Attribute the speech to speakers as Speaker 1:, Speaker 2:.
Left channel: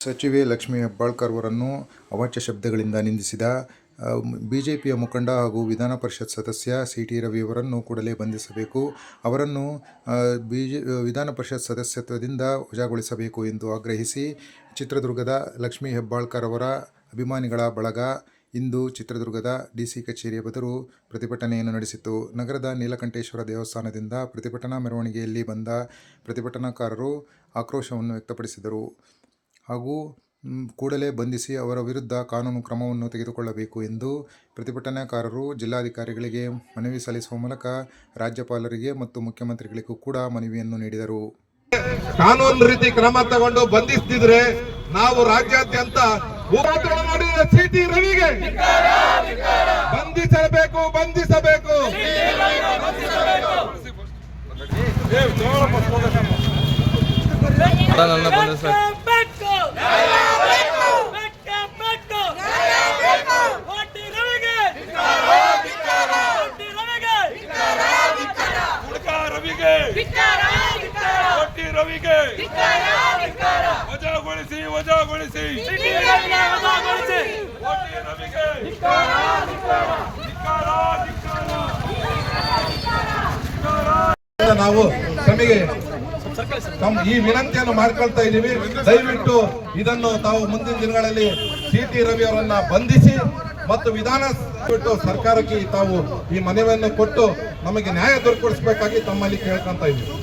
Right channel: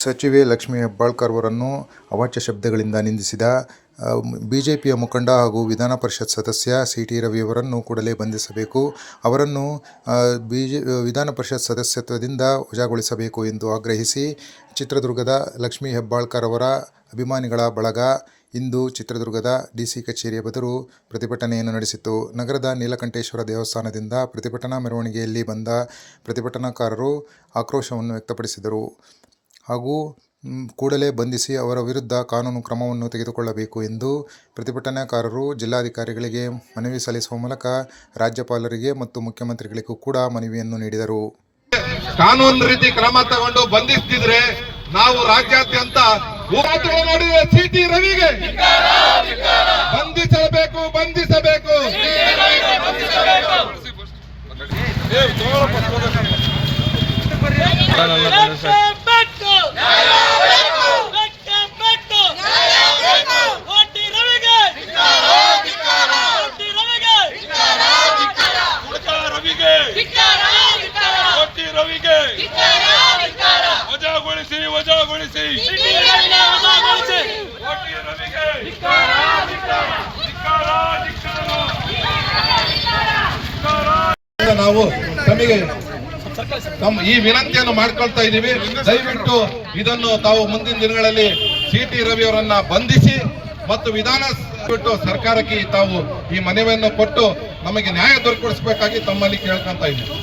Speaker 1: ಸಚಿವೆ ಲಕ್ಷ್ಮೀ ಹೆಬ್ಬಾಳ್ಕರ್ ಅವರನ್ನು ಅವಾಚ್ಯ ಶಬ್ದಗಳಿಂದ ನಿಂದಿಸಿದ ಬಿಜೆಪಿಯ ಮುಖಂಡ ಹಾಗೂ ವಿಧಾನ ಪರಿಷತ್ ಸದಸ್ಯ ಸಿ ಟಿ ರವಿಯವರನ್ನು ಕೂಡಲೇ ಬಂಧಿಸಬೇಕು. ಅವರನ್ನು ಬಿಜೆ, ವಿಧಾನ ಪರಿಷತ್ ಸದಸ್ಯತ್ವದಿಂದ ವಜಾಗೊಳಿಸಬೇಕು ಎಂದು ಆಗ್ರಹಿಸಿ ಚಿತ್ರದುರ್ಗದ ಲಕ್ಷ್ಮೀ ಹೆಬ್ಬಾಳ್ಕರ್ ಅವರ ಅಭಿಮಾನಿಗಳ ಬಳಗ ಇಂದು ಚಿತ್ರದುರ್ಗದ ಡಿಸಿ ಕಚೇರಿಯ ಬದರು ಪ್ರತಿಭಟನೆಯನ್ನು ನಡೆಸಿತು ನಗರದ ನೀಲಕಂಠೇಶ್ವರ ದೇವಸ್ಥಾನದಿಂದ ಪ್ರತಿಭಟನಾ ಮೆರವಣಿಗೆಯಲ್ಲಿ ಬಂದ ಪ್ರತಿಭಟನಾಕಾರರು ಆಕ್ರೋಶವನ್ನು ವ್ಯಕ್ತಪಡಿಸಿದರು. ಹಾಗೂ ಕೂಡಲೇ ಬಂಧಿಸಿ ಅವರ ವಿರುದ್ಧ ಕಾನೂನು ಕ್ರಮವನ್ನು ತೆಗೆದುಕೊಳ್ಳಬೇಕು ಎಂದು ಪ್ರತಿಭಟನಾಕಾರರು ಜಿಲ್ಲಾಧಿಕಾರಿಗಳಿಗೆ ಮನವಿ ಸಲ್ಲಿಸುವ ಮೂಲಕ ರಾಜ್ಯಪಾಲರಿಗೆ ಮತ್ತು ಮುಖ್ಯಮಂತ್ರಿಗಳಿಗೂ ಕೂಡ ಮನವಿಯನ್ನು ನೀಡಿದರು.
Speaker 2: ಕಾನೂನು ರೀತಿ ಕ್ರಮ ತಗೊಂಡು ಬಂಧಿಸ್ತಿದ್ರೆ ನಾವು ರಾಜ್ಯಾದ್ಯಂತ ಹೋರಾಟಗಳು ಮಾಡಿರುವ ಸಿಟಿ ರವಿಗೆ. ಬಂಧಿಸಬೇಕು ಬಂಧಿಸಬೇಕು
Speaker 3: ಬೆಟ್ಟ ಬೆಟ್ಟು ಕೋಟಿ ರವಿಗೆ ಕೋಟಿ ರವಿಗೆ
Speaker 4: ರವಿಗೆ. ಕೊಟ್ಟಿ ರವಿಗೆ ವಜಾಗೊಳಿಸಿ ವಜಾಗೊಳಿಸಿ.
Speaker 3: ಸಿಟಿ ರವಿಗೆ ವಜಾಗೊಳಿಸಿ.
Speaker 4: ಕೊಟ್ಟಿ ರವಿಗೆ. ಧಿಕ್ಕಾರ, ಧಿಕ್ಕಾರ.
Speaker 2: ನಾವು ತಮಗೆ ತಮ್ಮ ಈ ವಿನಂತಿಯನ್ನು ಮಾಡ್ಕೊಳ್ತಾ ಇದ್ದೀವಿ. ದಯವಿಟ್ಟು ಇದನ್ನು ತಾವು ಮುಂದಿನ ದಿನಗಳಲ್ಲಿ ಸಿ ಟಿ ರವಿ ಅವರನ್ನ ಬಂಧಿಸಿ ಮತ್ತು ವಿಧಾನ ಬಿಟ್ಟು ಸರ್ಕಾರಕ್ಕೆ ತಾವು ಈ ಮನವಿಯನ್ನು ಕೊಟ್ಟು ನಮಗೆ ನ್ಯಾಯ ದೊರಕಿಸಬೇಕಾಗಿ ತಮ್ಮಲ್ಲಿ ಕೇಳ್ಕೊಂತ ಇದ್ದೀವಿ